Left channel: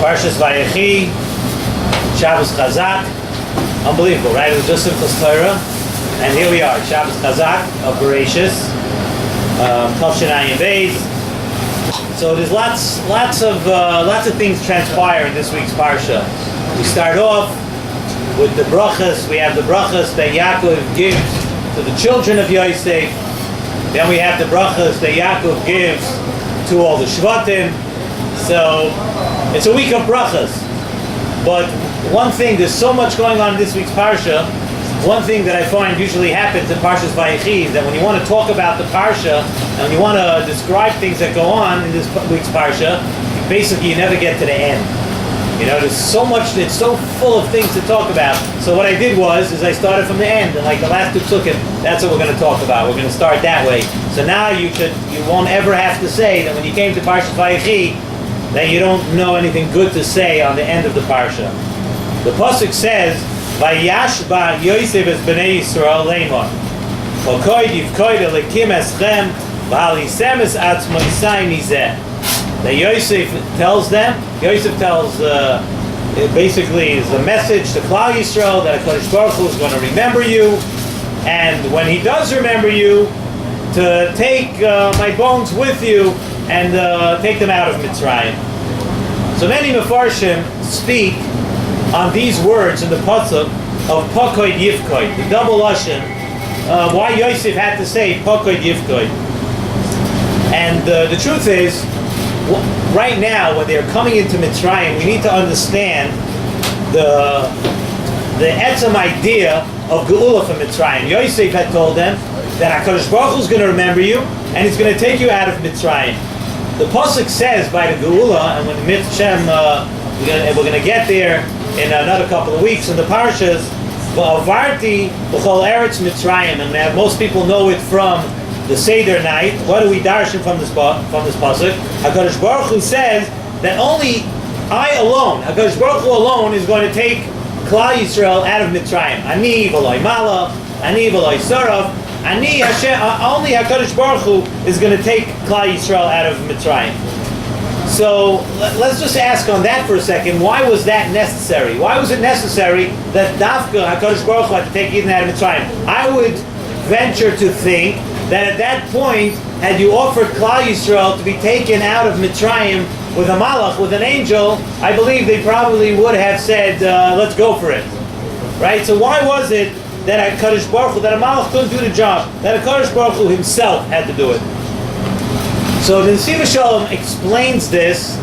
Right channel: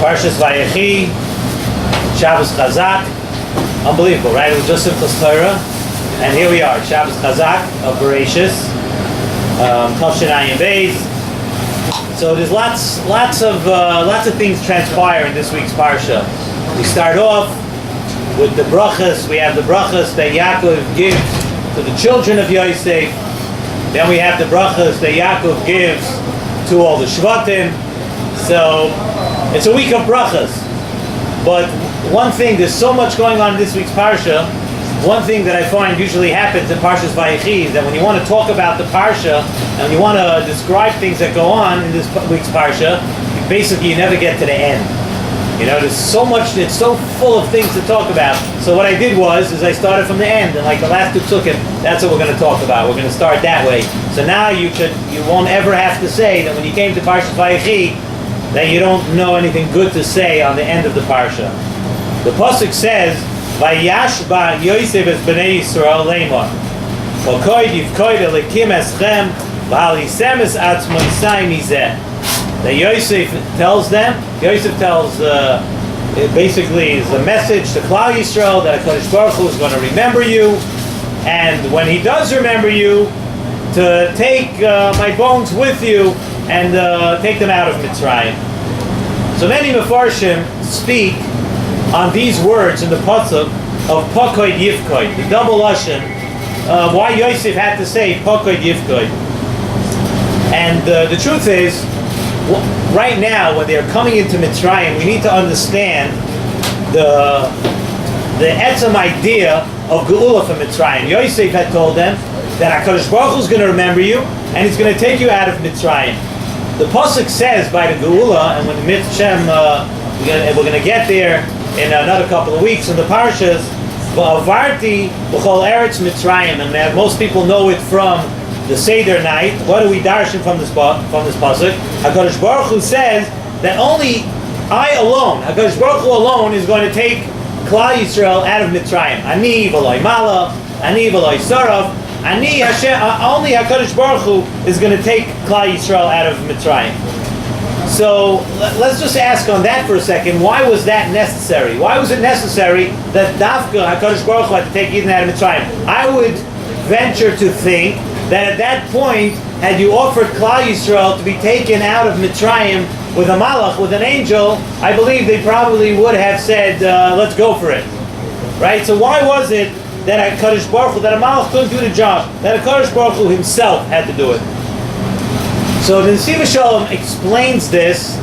Parshas Vayechi, Shabbos Chzak. Unbelievable, right? It was just Simchas Torah. And here we are, Shabbos Chzak of Bereshis. Tavshin Ayin Beis. So there's lots of things transpire in this week's Parsha. We start off with the brachas. We have the brachas that Yaakov gives to the children of Yosef. Then we have the brachas that Yaakov gives to all the Shvatim. So it's a week of brachas. But one thing, there's so much going on in this week's Parsha. One thing that I find usually happens in Parshas Vayechi is that when you want to talk about the Parsha and when you want to describe things that go on in this week's Parsha, basically you never get to the end. You know, there's so much, it's so full of things to talk about. So what I did was I started from the end, and like the last two psukim, that's what we're going to talk about. We're going to start that way. So now you won't ever have to say that when you came to Parshas Vayechi that you don't know anything good to say on the end of the Parsha. The pasuk says, "Vayashba Yosef es bnei Yisrael leimor, v'koyd yivkoyd elikim eschem, v'halisem es atzmoisai mizeh." That Yosef tells basically is a message to Klal Yisrael that HaKadosh Baruch Hu is going to remember you, and when He does remember you, to take my bones with you and take them out of Mitzrayim. So many Mefarshim speak on these words in the pasuk of Pakoid Yivkoid, the double lashon, why Yosef had to say Pakoid Yivkoid. And the truth is, right now, when they're coming into Mitzrayim, we need to understand the etzem idea of Geula from Mitzrayim. Yosef had told them that HaKadosh Baruch Hu is going to remember you, and He's going to take you out of Mitzrayim. The pasuk says by the Geula, and when the Mitzrayim, we're going to get there in another couple of weeks in the Parshas, V'avarti b'chol eretz Mitzrayim, and most people know it from the Seder night. What do we darshan from this pasuk? HaKadosh Baruch Hu says that only I alone, HaKadosh Baruch Hu alone, is going to take Klal Yisrael out of Mitzrayim. Ani v'loi mala, ani v'loi saraf, ani Hashem. Only HaKadosh Baruch Hu is going to take Klal Yisrael out of Mitzrayim. So let's just ask on that for a second. Why was that necessary? Why was it necessary that Dafka HaKadosh Baruch Hu had to take Eden out of Mitzrayim? I would venture to think that at that point, had you offered Klal Yisrael to be taken out of Mitzrayim with a malach, with an angel, I believe they probably would have said, let's go for it. Right? So why was it that HaKadosh Baruch Hu, that a malach couldn't do the job, that HaKadosh Baruch Hu himself had to do it? So the Nesivas Shalom explains this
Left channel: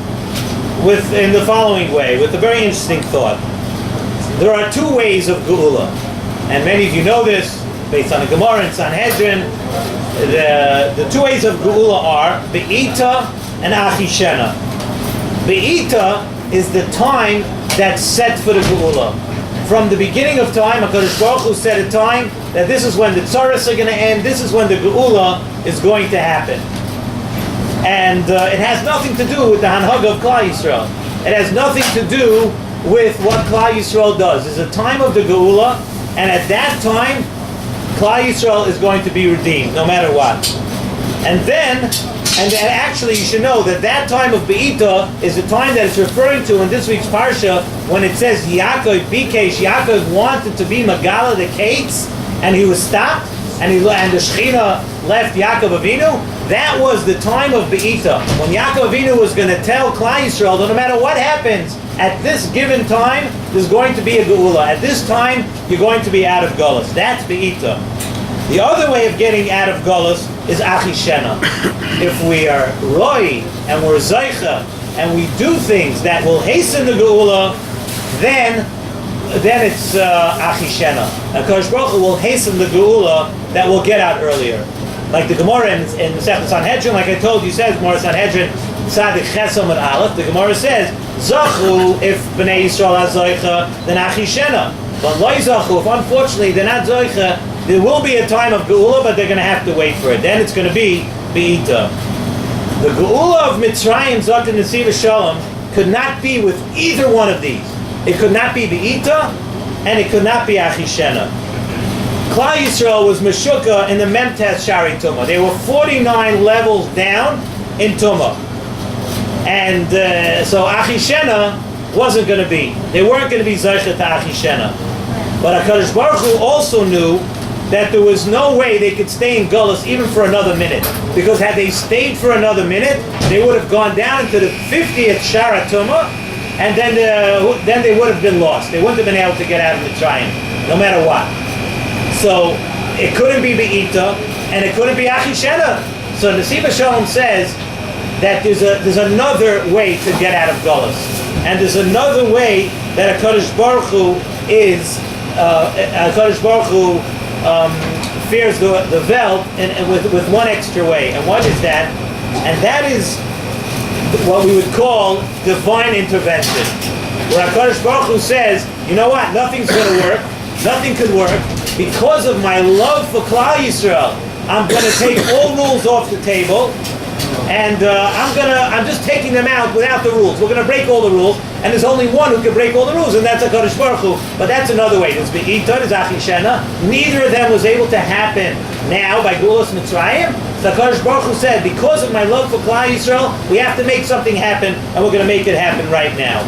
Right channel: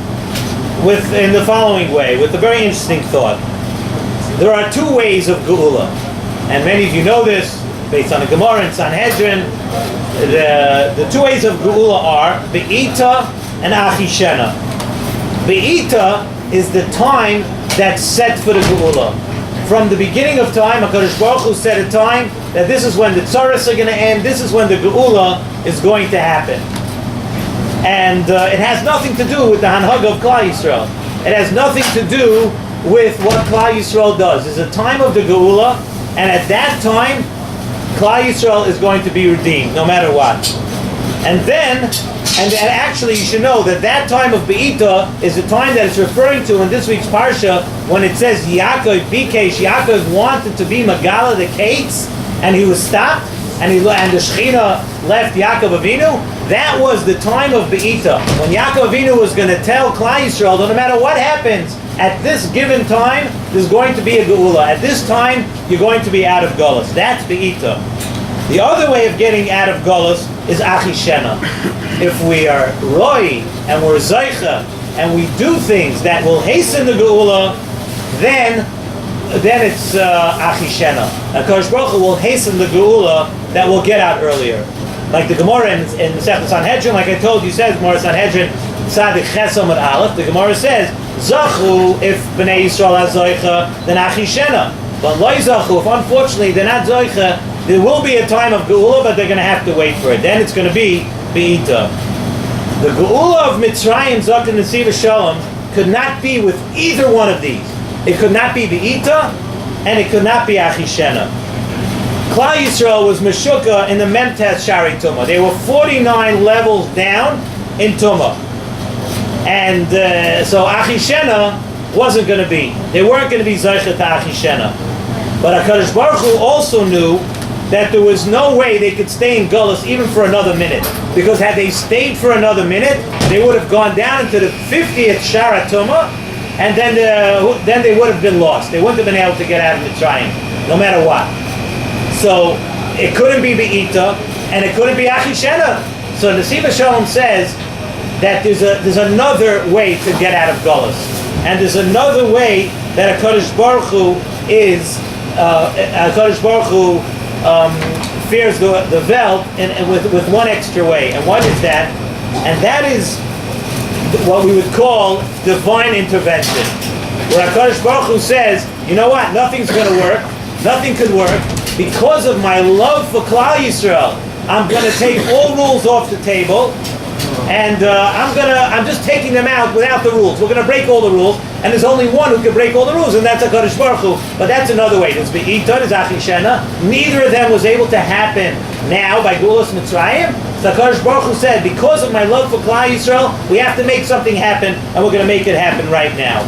in the following way, with a very interesting thought. There are two ways of Geula, and many of you know this, based on the Gemara and Sanhedrin. The two ways of Geula are Be'ita and Achishena. Be'ita is the time that's set for the Geula. From the beginning of time, HaKadosh Baruch Hu set a time that this is when the tzaras are going to end, this is when the Geula is going to happen. And it has nothing to do with the Hanhag of Klal Yisrael. It has nothing to do with what Klal Yisrael does. It's a time of the Geula, and at that time, Klal Yisrael is going to be redeemed, no matter what. And actually you should know that time of Be'ita is the time that it's referring to in this week's Parsha when it says Yaakov Bikesh, Yaakov wanted to be Magala the Kates, and he was stopped, and the Shechina left Yaakov Avinu. That was the time of Be'ita, when Yaakov Avinu was going to tell Klal Yisrael that no matter what happens, at this given time, there's going to be a Geula. At this time, you're going to be out of Golus. That's Be'ita. The other way of getting out of Golus is Achishena. If we are Roi, and we're Zaycha, and we do things that will hasten the Geula, then it's Achishena. HaKadosh Baruch Hu will hasten the Geula that will get out earlier. Like the Gemara in Masechet Sanhedrin, like I told you, says Gemara Sanhedrin, Tzadik Chesam at Aleph, the Gemara says, Zachu, if Bnei Yisrael has Zoicha, then Achishena. But Loi Zachu, if unfortunately they're not Zoicha, there will be a time of Geula, but they're going to have to wait for it. Then it's going to be Be'ita. The Geula of Mitzrayim, Chzak Nesivas Shalom, could not be with either one of these. It could not be Be'ita, and it could not be Achishena. Klal Yisrael was Meshuka in the Memtes Shari Tumah. They were 49 levels down in Tumah. And so Achishena wasn't going to be. They weren't going to be Zaycha to Achishena. But HaKadosh Baruch Hu also knew that there was no way they could stay in Gullus even for another minute. Because had they stayed for another minute, they would have gone down into the 50th Shara Tumah, and then they would have been lost. They wouldn't have been able to get out of Mitzrayim, no matter what. So it couldn't be Be'ita, and it couldn't be Achishena. So Nesivas Shalom says that there's another way to get out of Gullus. And there's another way that HaKadosh Baruch Hu is, HaKadosh Baruch Hu fears the Welt with one extra way. And what is that? And that is what we would call divine intervention. Where HaKadosh Baruch Hu says, you know what, nothing's going to work, nothing could work. Because of my love for Klal Yisrael, I'm going to take all rules off the table, and I'm just taking them out without the rules. We're going to break all the rules, and there's only one who can break all the rules, and that's HaKadosh Baruch Hu. But that's another way. There's Be'ita, there's Achishena. Neither of them was able to happen now by Gulas Mitzrayim. So HaKadosh Baruch Hu said, because of my love for Klal Yisrael, we have to make something happen, and we're going to make it happen right now.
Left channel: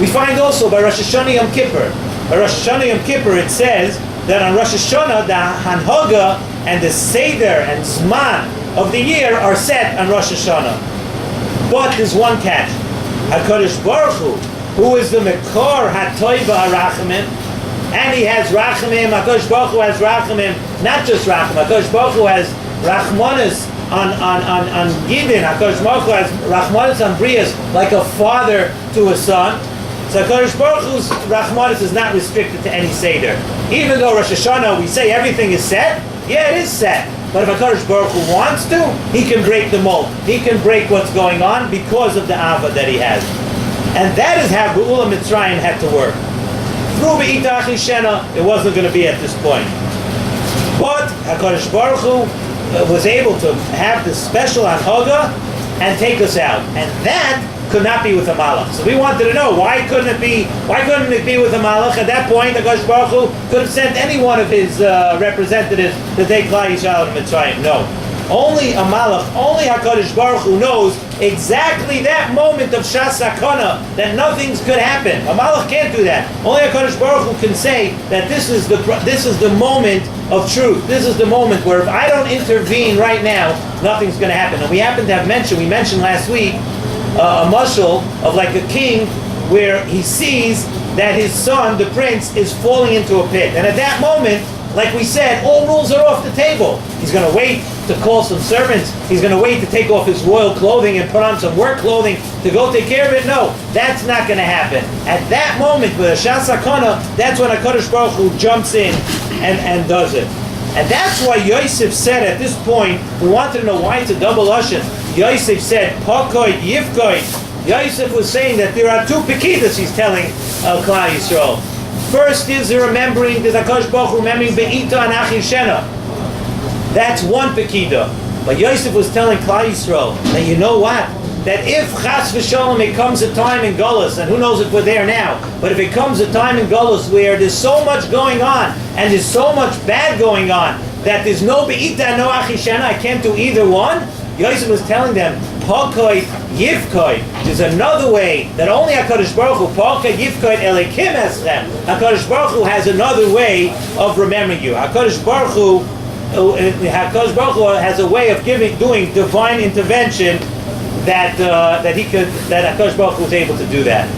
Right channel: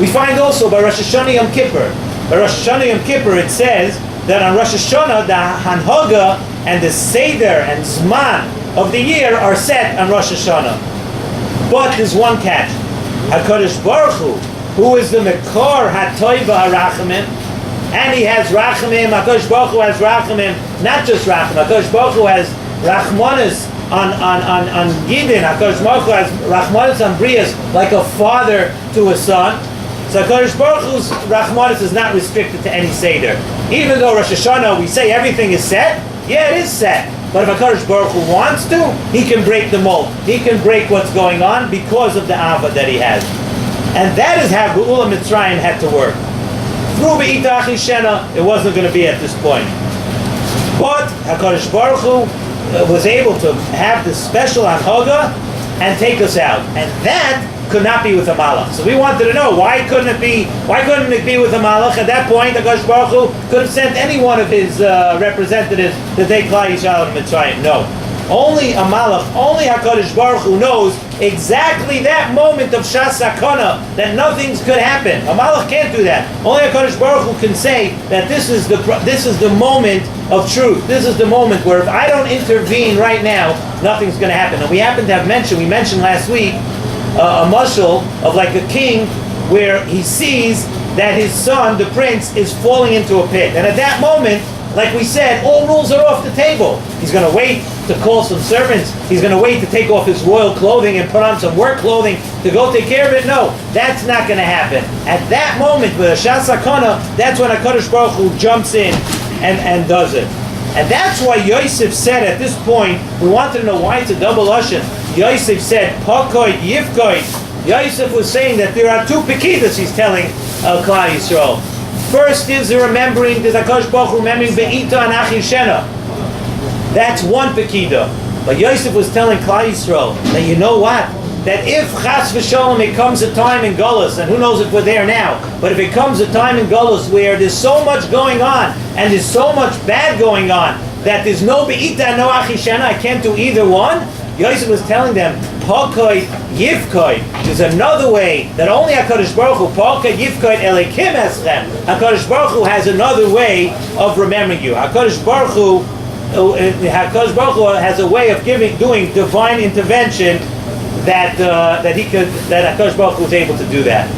We find also by Rosh Hashanah Yom Kippur. By Rosh Hashanah Yom Kippur it says that on Rosh Hashanah the Hanhaga and the Seder and Zman of the year are set on Rosh Hashanah. But there's one catch. HaKadosh Baruch Hu, who is the Mekor HaToiva HaRachamim, and he has Rachamim. HaKadosh Baruch Hu has Rachamim, not just Rachamim. HaKadosh Baruch Hu has Rachmanis on Gidin. HaKadosh Baruch Hu has Rachmanis on Brias, like a father to a son. So HaKadosh Baruch Hu's Rachmanis is not restricted to any Seder. Even though Rosh Hashanah we say everything is set, yeah, it is set. But if HaKadosh Baruch Hu wants to, he can break the mold. He can break what's going on because of the Ava that he has. And that is how Geula Mitzrayim had to work. Through Be'ita Achishena, it wasn't going to be at this point. But HaKadosh Baruch Hu was able to have this special Anhaga and take us out. And that could not be with a Malach. So we wanted to know, why couldn't it be with a Malach? At that point, HaKadosh Baruch Hu could have sent any one of his representatives to take Klal Yisrael and Mitzrayim. No. Only a Malach, only HaKadosh Baruch Hu knows exactly that moment of Shas Sakana, that nothing could happen. A Malach can't do that. Only HaKadosh Baruch Hu can say that this is the moment of truth. This is the moment where if I don't intervene right now, nothing's going to happen. And we mentioned last week, a mashal of like a king where he sees that his son, the prince, is falling into a pit. And at that moment, like we said, all rules are off the table. He's going to wait to call some servants. He's going to wait to take off his royal clothing and put on some work clothing to go take care of it. No, that's not going to happen. At that moment, with a Shas Sakana, that's when HaKadosh Baruch Hu jumps in and does it. And that's why Yosef said at this point, we wanted to know why it's a double Lashon. Yosef said, Pakoid, Yivkoid. Yosef was saying that there are two Pekidas, he's telling Klal Yisrael. First is the remembering, there's HaKadosh Baruch Hu remembering Be'ita and Achishena. That's one Pekida. But Yosef was telling Klal Yisrael that you know what? That if Chas v'Shalom it comes a time in Gullus, and who knows if we're there now, but if it comes a time in Gullus where there's so much going on, and there's so much bad going on, that there's no Be'ita and no Achishena, I can't do either one, Yosef was telling them, Pakoi Yivkoi. There's another way that only HaKadosh Baruch Hu, Pakoi Yivkoi Elikim Eschem. HaKadosh Baruch Hu has another way of remembering you. HaKadosh Baruch Hu has a way of doing divine intervention that HaKadosh Baruch Hu is able to do that.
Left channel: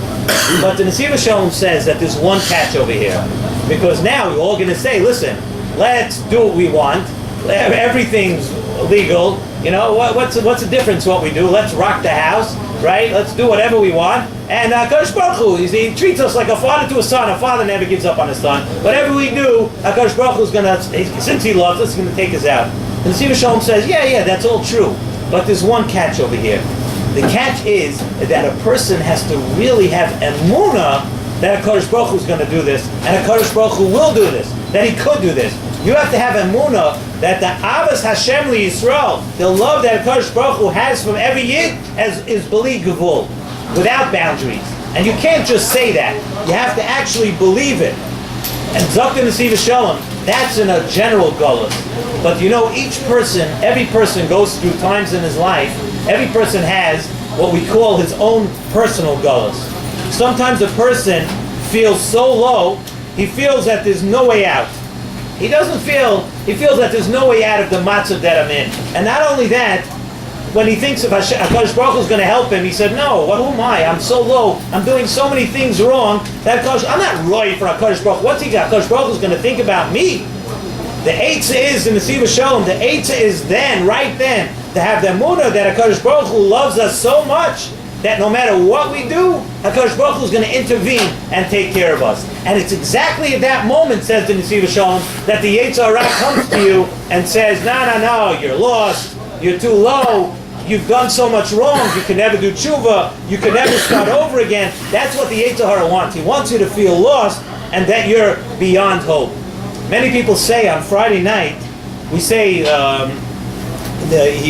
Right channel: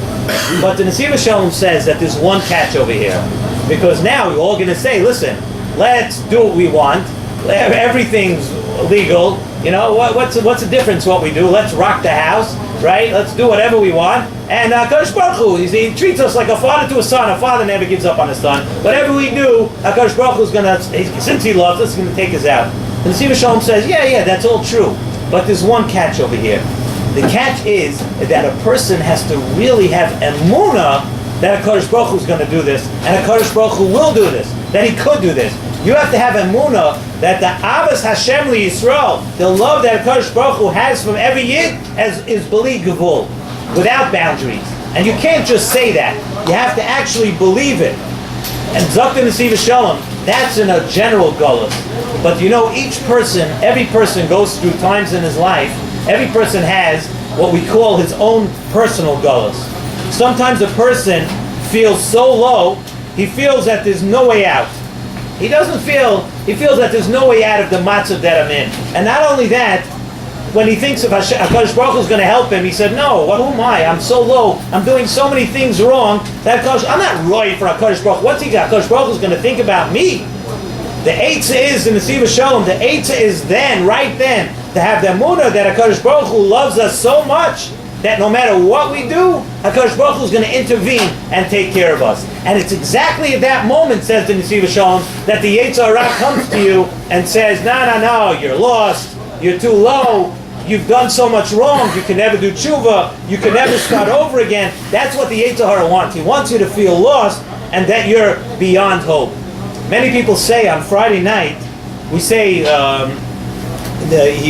But the Nesivas Shalom says that there's one catch over here, because now we're all going to say, listen, let's do what we want. Everything's legal. You know, what's the difference what we do? Let's rock the house, right? Let's do whatever we want. And HaKadosh Baruch Hu, he treats us like a father to a son. A father never gives up on his son. Whatever we do, HaKadosh Baruch Hu is going to, since he loves us, he's going to take us out. And the Nesivas Shalom says, yeah, that's all true. But there's one catch over here. The catch is that a person has to really have emunah that HaKadosh Baruch Hu is going to do this, and HaKadosh Baruch Hu will do this, that he could do this. You have to have emunah that the Avas Hashem li Yisrael, the love that HaKadosh Baruch Hu has from every Yid, is beli gevul, without boundaries. And you can't just say that. You have to actually believe it. And Chzak Nesivas Shalom, that's in a general gullus. But you know, every person goes through times in his life. Every person has what we call his own personal galus. Sometimes a person feels so low, he feels that there's no way out. He feels that there's no way out of the matzah that I'm in. And not only that, when he thinks of HaKadosh Baruch Hu is going to help him, he said, no, who am I? I'm so low. I'm doing so many things wrong. I'm not right for HaKadosh Baruch Hu. What's he got? HaKadosh Baruch Hu is going to think about me. The Eitzah is in the Nesivas Shalom. The Eitzah is right then, to have the emunah that HaKadosh Baruch Hu loves us so much that no matter what we do, HaKadosh Baruch Hu is going to intervene and take care of us. And it's exactly at that moment, says the Nesivas Shalom, that the Yetzer Hara comes to you and says, no, you're lost, you're too low, you've done so much wrong, you can never do tshuva, you can never start over again. That's what the Yetzer Hara wants. He wants you to feel lost and that you're beyond hope. Many people say on Friday night, we say, he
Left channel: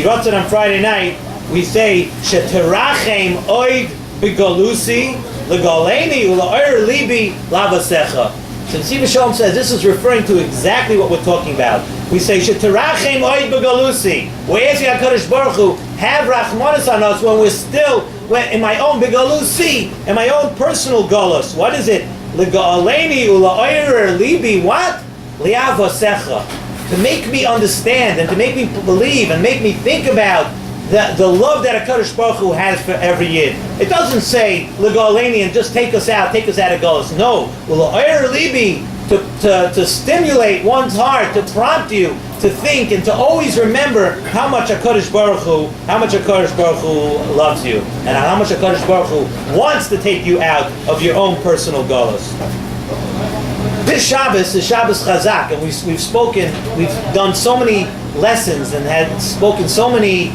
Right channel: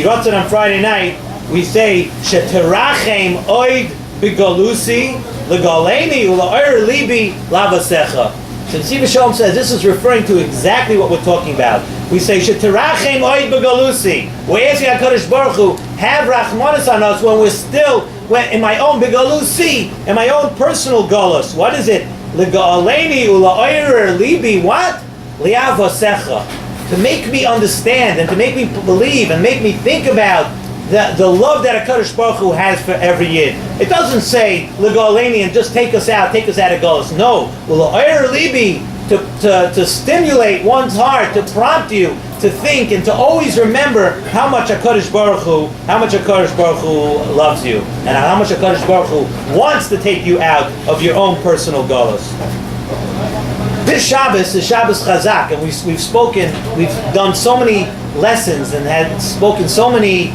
wrote it on Friday night, we say, Sheterachem oid b'galusi l'galeni u'la'or libi lavasecha. So Nesivas Shalom says this is referring to exactly what we're talking about. We say, Sheterachem oid b'galusi. We're asking HaKadosh Baruch Hu, have rachmanis on us when we're still in my own b'galusi, in my own personal galus. What is it? L'galeni u'la'or libi what? Liavasecha. To make me understand and to make me believe and make me think about the love that HaKadosh Baruch Hu has for every Yid. It doesn't say L'Galeni and just take us out of Galus. No, L'Oyer Libi, to stimulate one's heart, to prompt you to think and to always remember how much HaKadosh Baruch Hu loves you, and how much HaKadosh Baruch Hu wants to take you out of your own personal galus. This Shabbos is Shabbos Chazak, and we've done so many lessons and had spoken so many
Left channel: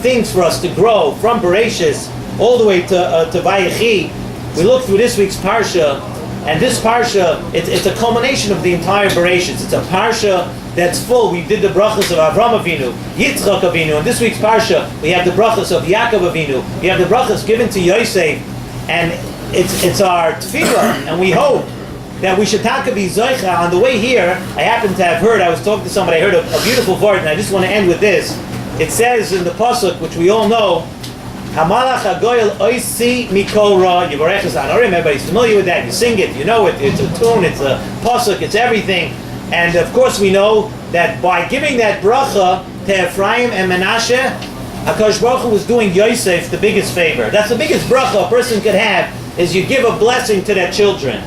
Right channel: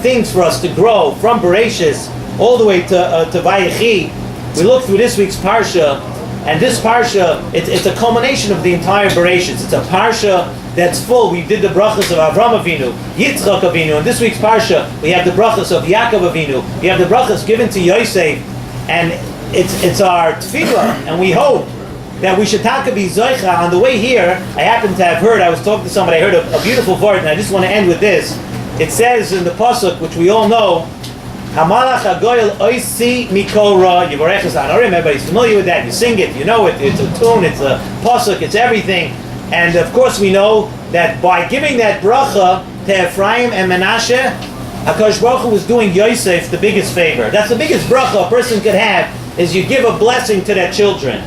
things for us to grow from Bereshis all the way to Vayechi. We looked through this week's Parsha, and this Parsha, it's a culmination of the entire Bereshis. It's a Parsha that's full. We did the brachas of Avram Avinu, Yitzchak Avinu, and this week's Parsha, we have the brachas of Yaakov Avinu. We have the brachas given to Yosef, and it's our tefillah, and we hope that we should be zoicha. On the way here, I happened to have heard, I was talking to somebody, I heard a beautiful word, and I just want to end with this. It says in the pasuk, which we all know, Hamalach hagoyel oisi mikol ra yivarech es hanorim. Everybody's familiar with that. You sing it, you know it. It's a tune, it's a pasuk, it's everything. And of course we know that by giving that bracha to Ephraim and Menashe, HaKadosh Baruch Hu was doing Yosef the biggest favor. That's the biggest bracha a person could have, is you give a blessing to their children.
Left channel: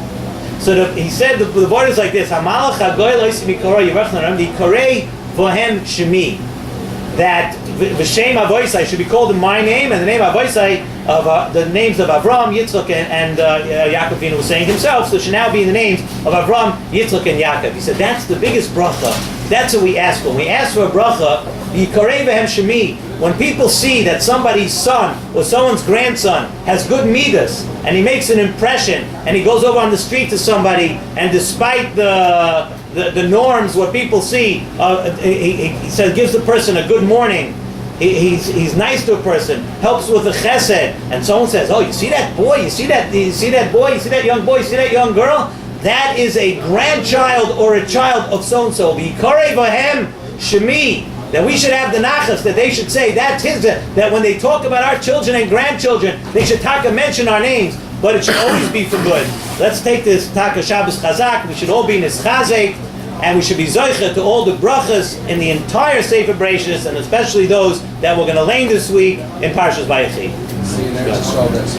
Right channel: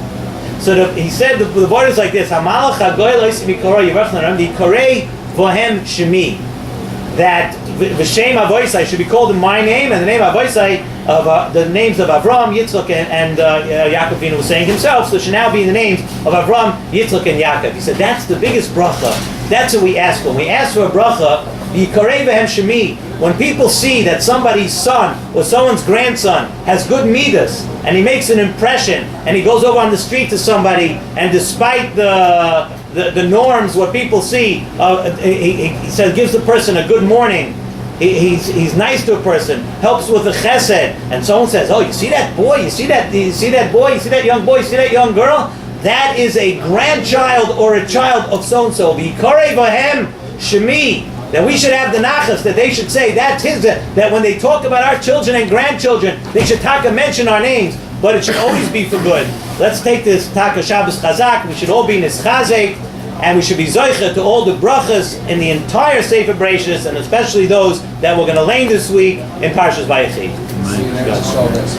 So he said the word is like this: Hamalach hagoyel oisi mikol ra yivarech es hanorim dikarei vohem shemi. That V'shem Avoisai should be called in my name, and the name Avoisai of the names of Avram, Yitzchak, and Yaakov Avinu was saying himself, so it should now be in the names of Avram, Yitzchak, and Yaakov. He said that's the biggest bracha. That's what we ask for. When we ask for a bracha, Yikarei v'hem shemi. When people see that somebody's son or someone's grandson has good midas, and he makes an impression, and he goes over on the street to somebody, and despite the norms, what people see, he says, gives the person a good morning. He's nice to a person, helps with the chesed, and someone says, "Oh, you see that boy? You see that boy? You see that young boy? You see that young girl? That is a grandchild or a child of so and so." V'yikarei v'hem shemi. That we should have the nachas, that they should say that's his. That when they talk about our children and grandchildren, they should taka mention our names, but it should always be for good. Let's take this taka Shabbos Chazak. We should all be nischazek. And we should be zoicha to all the brachas in the entire Sefer Bereshis, and especially those that we're going to learn this week in Parshas Vayechi.